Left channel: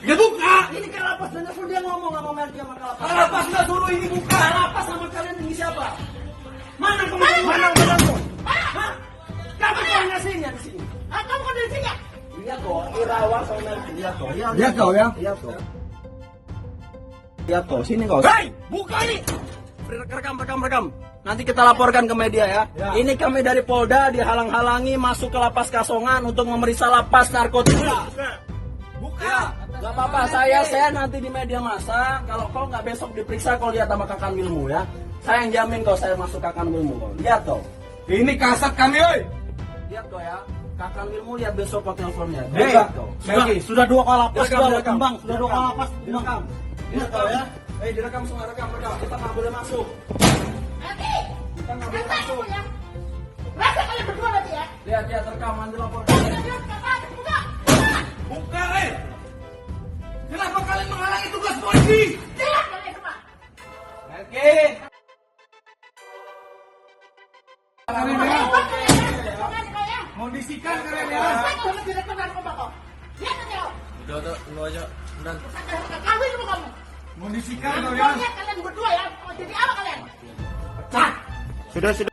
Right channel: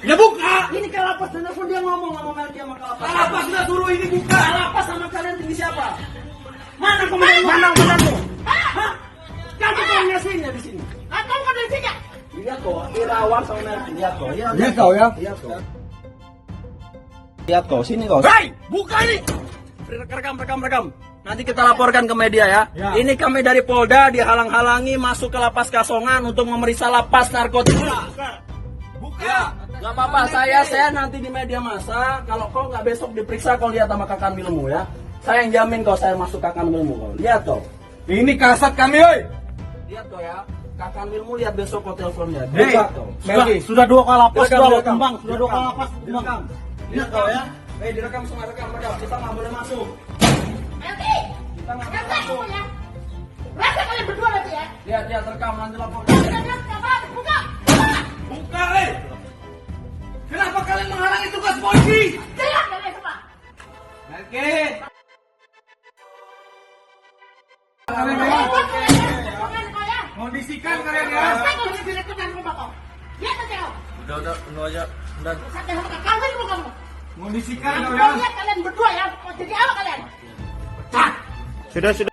Ya buka! Ini Kalapas dan langsung dia ngomong, nggak mau main dia sama Kalapas. Kalapas nggak dulu, ini buka! Kalapas sama kalian tinggi siapa? Mana komandan? Mana komandanmu? Hah? Kamu koordinasinya di sini? Atau koordinasinya? Lihat kok, Irawan sama nanti. Lihat kok. Lihat kau ya? Lihat kok. Lihat kok, sini kok. Hei! Buka ini! Rekam. Nanti kita laporkan ke media ya. Ini kami dari Polda dihalang-halangi masuk ke lapas Kasongan untuk memeriksa lapas narkotika. Buka! Gak apa-apa, saya nanti di media massa. Kalau kau nggak besok diperiksa, kau lihat sama kakak Milmu ya. Saya yang jamin kau saya masuk kakak Milmu kau. Lihat kau. Ini kasat kami, oi! Lihat kau ya. Kakak Milmu lihat besok kau teleponnya. Hei, Buka kau. sudah dua kalapas, Direkam, sudah direkam. kembang, sudah dua Direkam. kalapas. Direkam. Lihat kau ya. Direkam semua, rekam. Kita nggak boleh masuk. Kita nggak boleh masuk. Rasa kalian berdua lagi ya? Lihat, rekam nanti lapor. Buka! Buka, kenapa kalian menghalangi tugas polisi? Jelas kalian semua! Oke. Kondisikan kalian ya. Saya mau direktur dan protokol. Lihat aja lo. Udah, aja. Udah. Kamu semua kamu. Kondisikan Kamu kau ya. lihat kalian berdua ya. Jadi apa kalian? Sudah.